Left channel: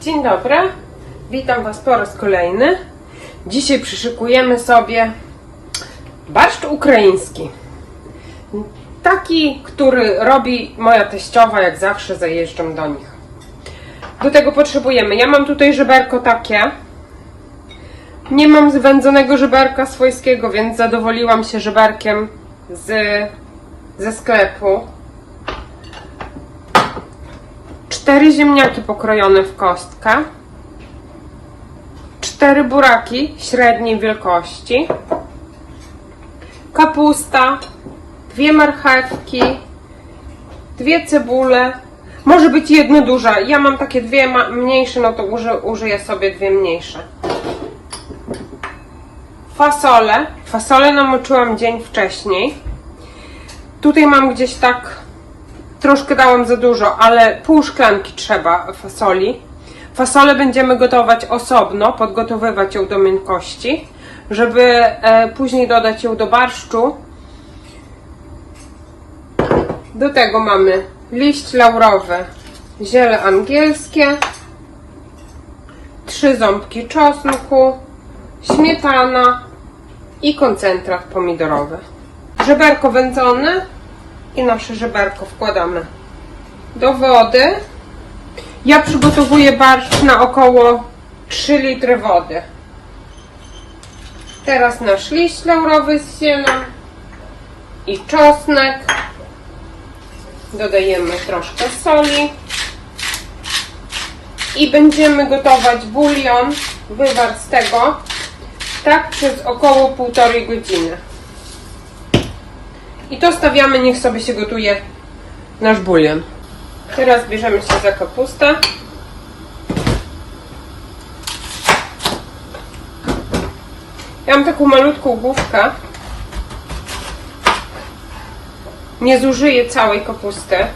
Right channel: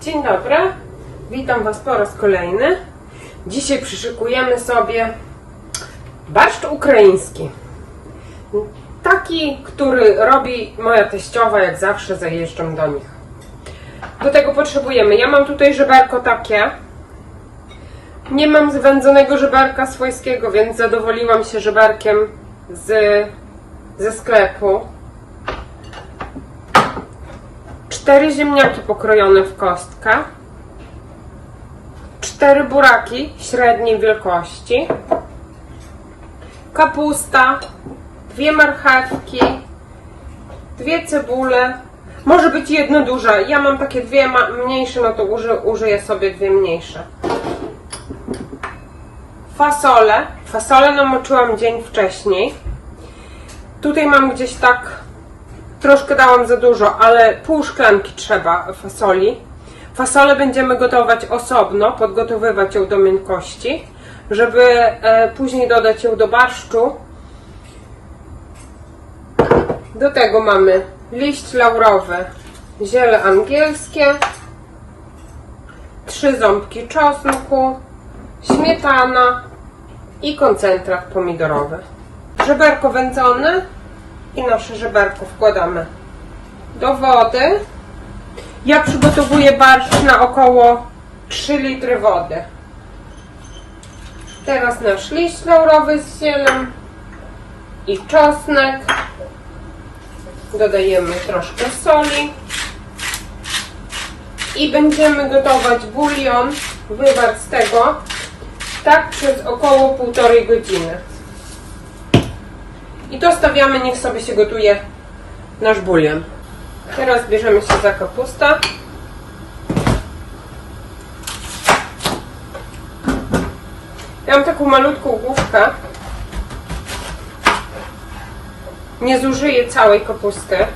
Dzień dobry, witam Was po raz kolejny. Dzisiaj przyszykujemy sobie barszcz ukraiński. Taki, który robi moja teściowa, jak zawsze zajeżdżam do nich. Do tego potrzebujemy, ja mam tutaj żeberko takie. Nie mam zwędzonego żeberka swojskiego, więc zadowoliłam się żeberkiem z, ze sklepu. Cztery ziemniaki pokrojone w kostkę. Cztery buraki średniej wielkości. Kapusta. Dwie marchewki. Dwie cebule. Może być jedna duża. Ja mam takie dwie mniejsze, no to uży, użyję sobie dwie mniejsze. Fasole. Fasole namoczyłam dzień wcześniej. Tutaj mam gdzieś tak Troszkę dałam za dużo, ale pół szklanki trzeba fasoli. Fasolę będziemy gotować osobno, podgotowywać ją do miękkości, żeby e, później dodać ją do barszczu. Do tego mamy liść laurowy, ziele angielskie, trzy ząbki czosnku, śmietana i koncentrat pomidorowy. Żeberko wędzone i nasze żeberko wkładamy do wody. Ja przygotowuję barszcz na około 3 litry wody. Teraz nasz liść laurowy z zielą i czosnek. Dodajemy troszkę soli. I będziemy gotować bulion, wywar z tego, tak przez około półtorej godziny. I to stawiamy, niech sobie się gotuje nasz bulion. Teraz bierzemy się za kapustę. Ja mam taką malutką główkę. Nie zużyję całej kapusty.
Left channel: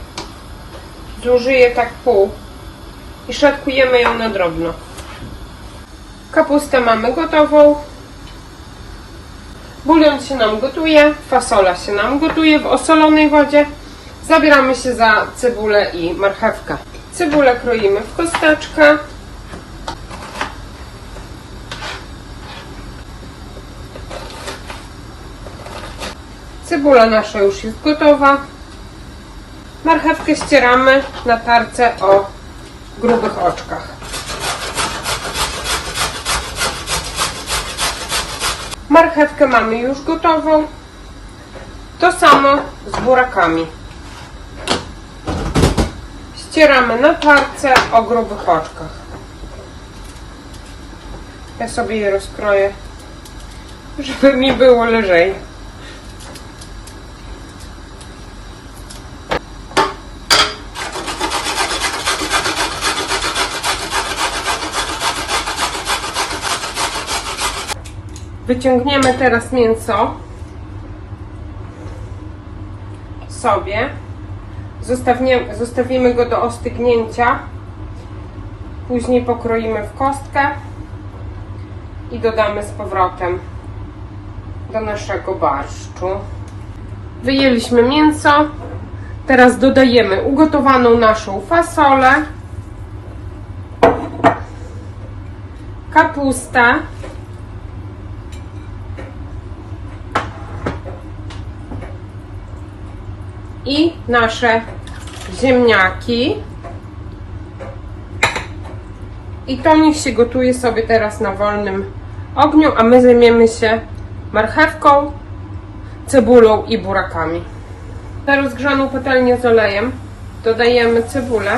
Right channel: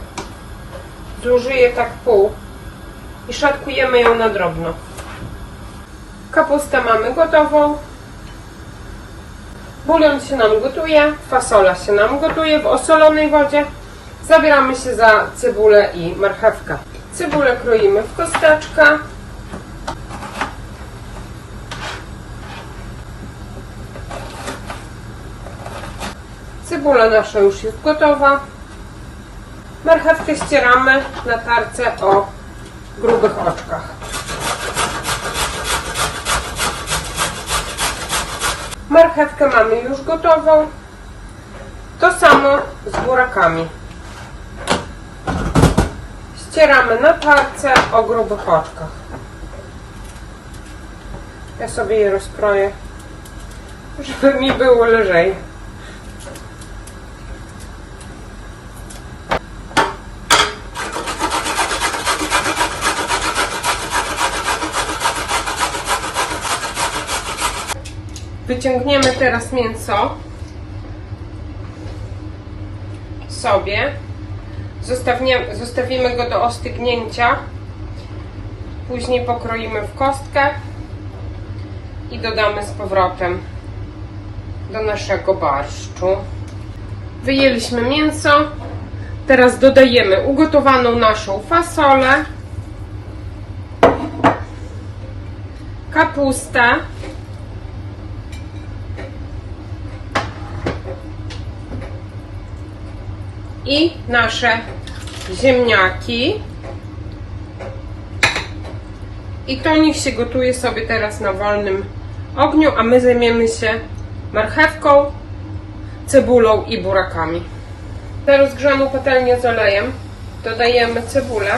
Zużyję tak pół. I szatkujemy ją na drobno. Kapustę mamy gotową. Bulion się nam gotuje, fasola się nam gotuje w osolonej wodzie. Zabieramy się za cebulę i marchewkę. Cebulę kroimy w kosteczkę. Cebula nasza już jest gotowa. Marchewkę ścieramy na tarce o grubych oczkach. Marchewkę mamy już gotową. To samo z burakami. Ścieramy na tarce o grubych oczkach. Ja sobie je rozkroję, żeby mi było lżej. Wyciągniemy teraz mięso sobie. Zostawimy go do ostygnięcia. Później pokroimy w kostkę i dodamy z powrotem do naszego barszczu. Wyjęliśmy mięso. Teraz dodajemy ugotowaną naszą fasolę, kapustę, i nasze ziemniaki. I to niech się gotuje sobie teraz na wolnym ogniu, a my zajmiemy się marchewką, cebulą i burakami. Na rozgrzaną patelnię z olejem dodajemy cebulę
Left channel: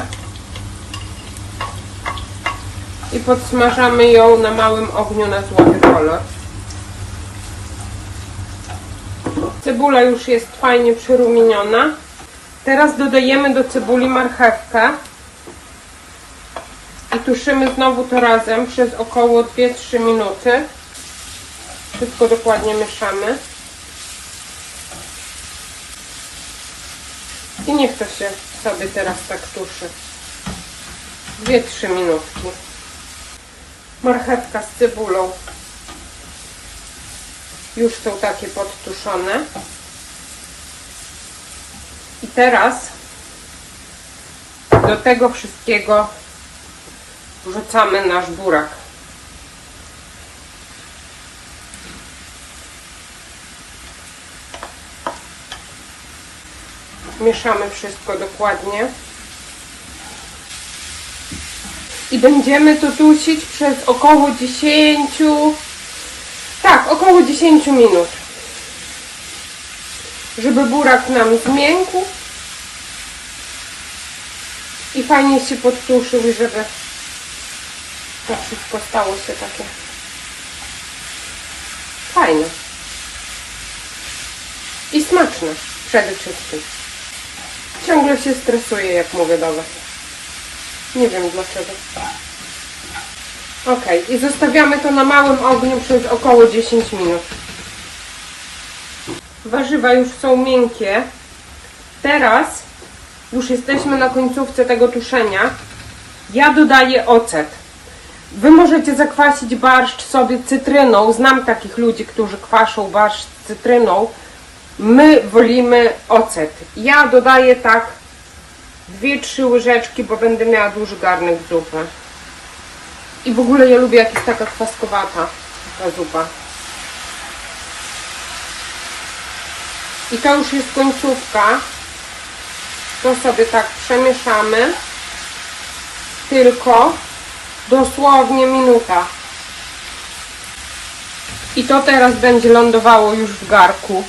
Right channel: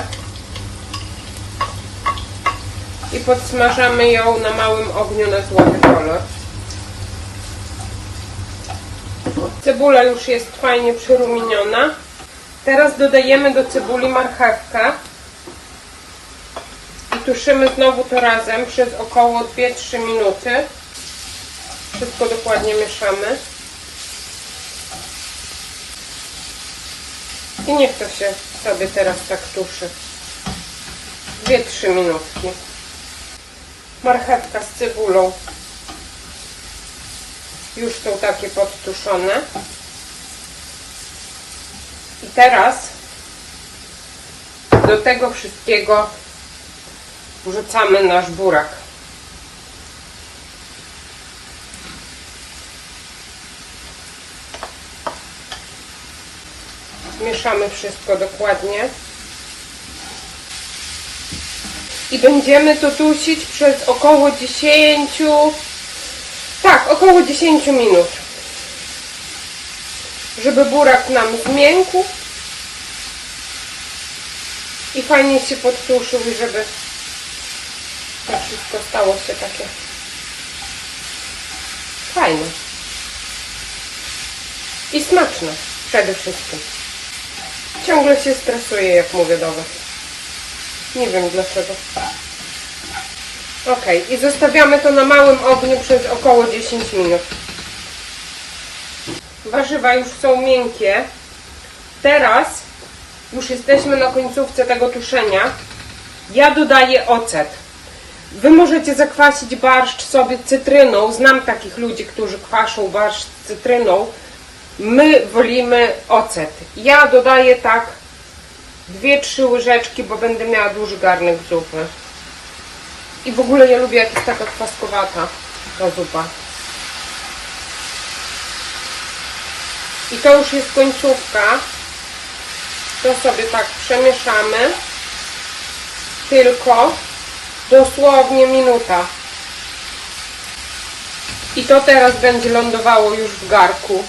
i podsmażamy ją na małym ogniu na złoty kolor. Cebula już jest fajnie przyrumieniona. Teraz dodajemy do cebuli marchewkę. I tuszymy znowu to razem przez około 2-3 minuty. Wszystko dokładnie mieszamy. I niech to się sobie teraz tak tuszy. 2-3 minutki. Marchewka z cebulą już są takie podtuszone. Teraz do tego wszystkiego Wrzucamy nasz burak. Mieszamy wszystko dokładnie. I będziemy to dusić przez około 10, tak, około 10 minut. Żeby burak nam zmiękł i fajnie się podtuszył żeby to wszystko stało się takie fajne. I smaczne przede wszystkim. Ciągle się stresuję, jak mówię do Was. Nie wiem dlaczego. Ok, i zostawiamy to na małym ogniu przez około 10 minut. Warzywa już są miękkie. Teraz już jesteśmy na końcówce tego tuszenia. Ja dodaję ocet. Wy możecie zakwasić barszcz sobie cytryną. Znam takich ludzi, którzy kwaszą barszcz cytryną. My wolimy ocet. Ja dodaję tak 2-3 łyżeczki, bo będę miała duży garnek zupy. I w ogóle ja lubię jak taka kwaskowata ta zupa. I to już jest końcówka. To sobie tak przemieszamy. Tylko dosłownie minuta. I to teraz będzie lądowało już w garku.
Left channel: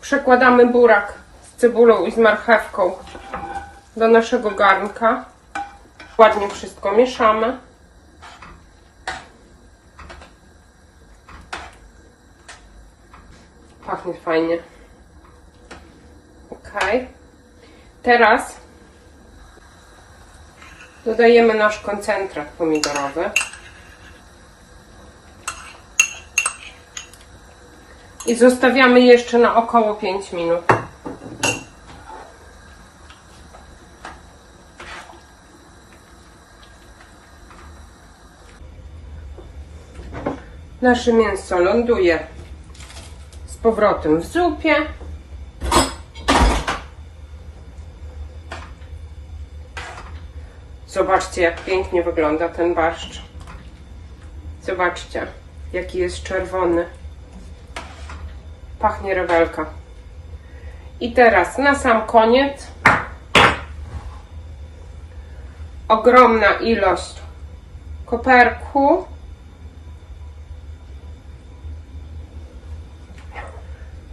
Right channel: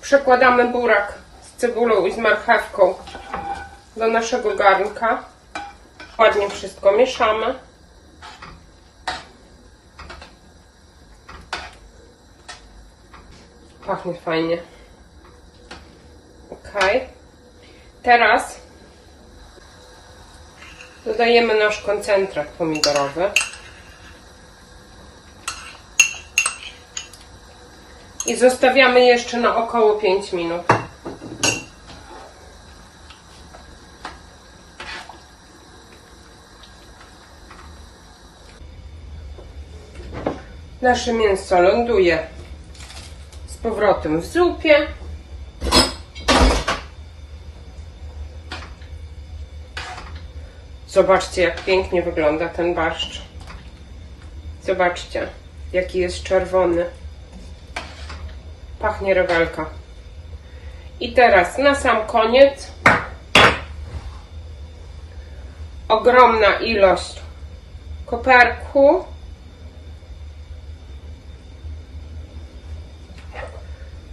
Przekładamy burak z cebulą i z marchewką do naszego garnka. Ładnie wszystko mieszamy. Pachnie fajnie. Ok. Teraz dodajemy nasz koncentrat pomidorowy. I zostawiamy jeszcze na około 5 minut. Nasze mięso ląduje z powrotem w zupie. Zobaczcie, jak pięknie wygląda ten barszcz. Zobaczcie, jaki jest czerwony. Pachnie rewelka. I teraz na sam koniec ogromna ilość koperku.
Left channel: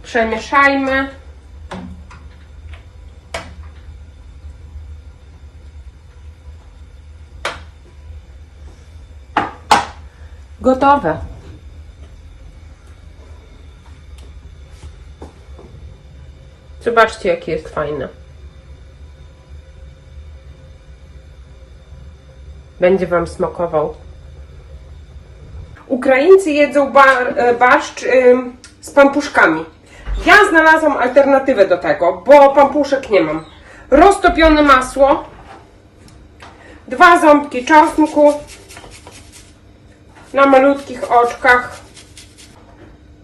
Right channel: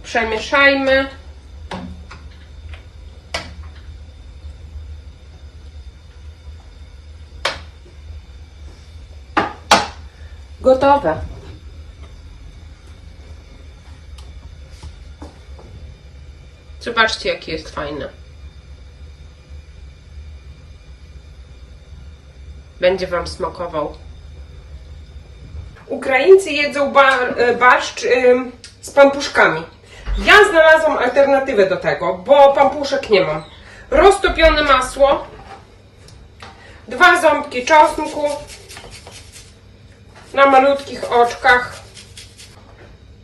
Przemieszajmy. Gotowe. Zobaczcie, jakie jest fajne. Będzie Wam smakował. Ukraińcy jedzą bar, e, barszcz ym, z pampuszkami. Ja znalazłam alternatywę do tego, bo pampuszek nie mam. Roztopione masło, dwa ząbki czosnku na malutkich oczkach.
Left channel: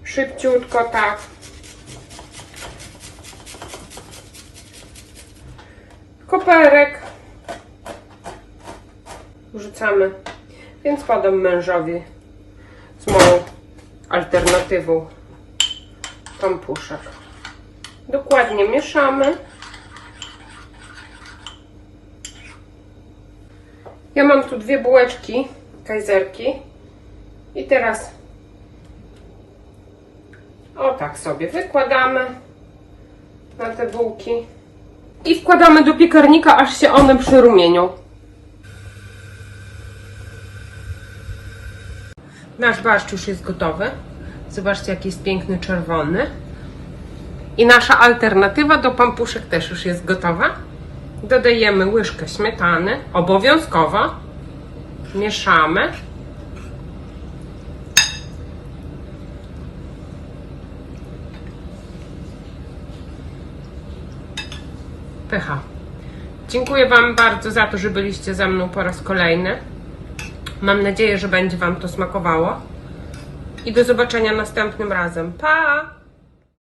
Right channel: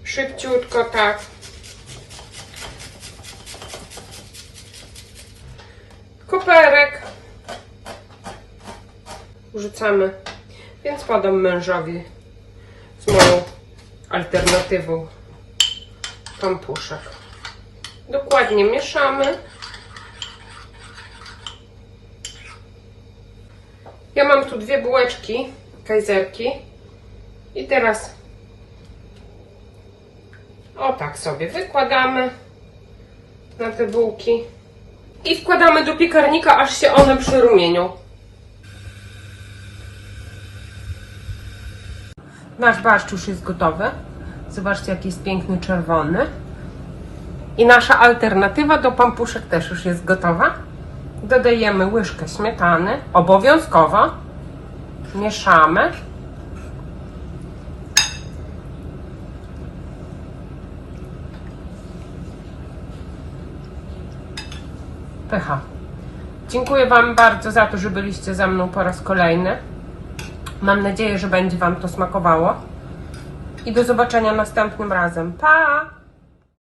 Szybciutko tak. Koperek. Wrzucamy. Więc podam mężowi z moją alternatywą pampuszek. Dokładnie mieszamy. Ja mam tu dwie bułeczki kajzerki i teraz o tak sobie wykładamy na te bułki i wkładamy do piekarnika, aż się one przerumienią. Nasz barszcz już jest gotowy. Zobaczcie, jaki jest piękny czerwony. I nasza alternatywa do pampuszek też już jest gotowa. Dodajemy łyżkę śmietany, obowiązkowo. Mieszamy. Pycha. Dziękuję Wam bardzo za to, że byliście ze mną po raz kolejny. Mam nadzieję, że będzie Wam to smakowało. I do zobaczenia następnym razem. Pa!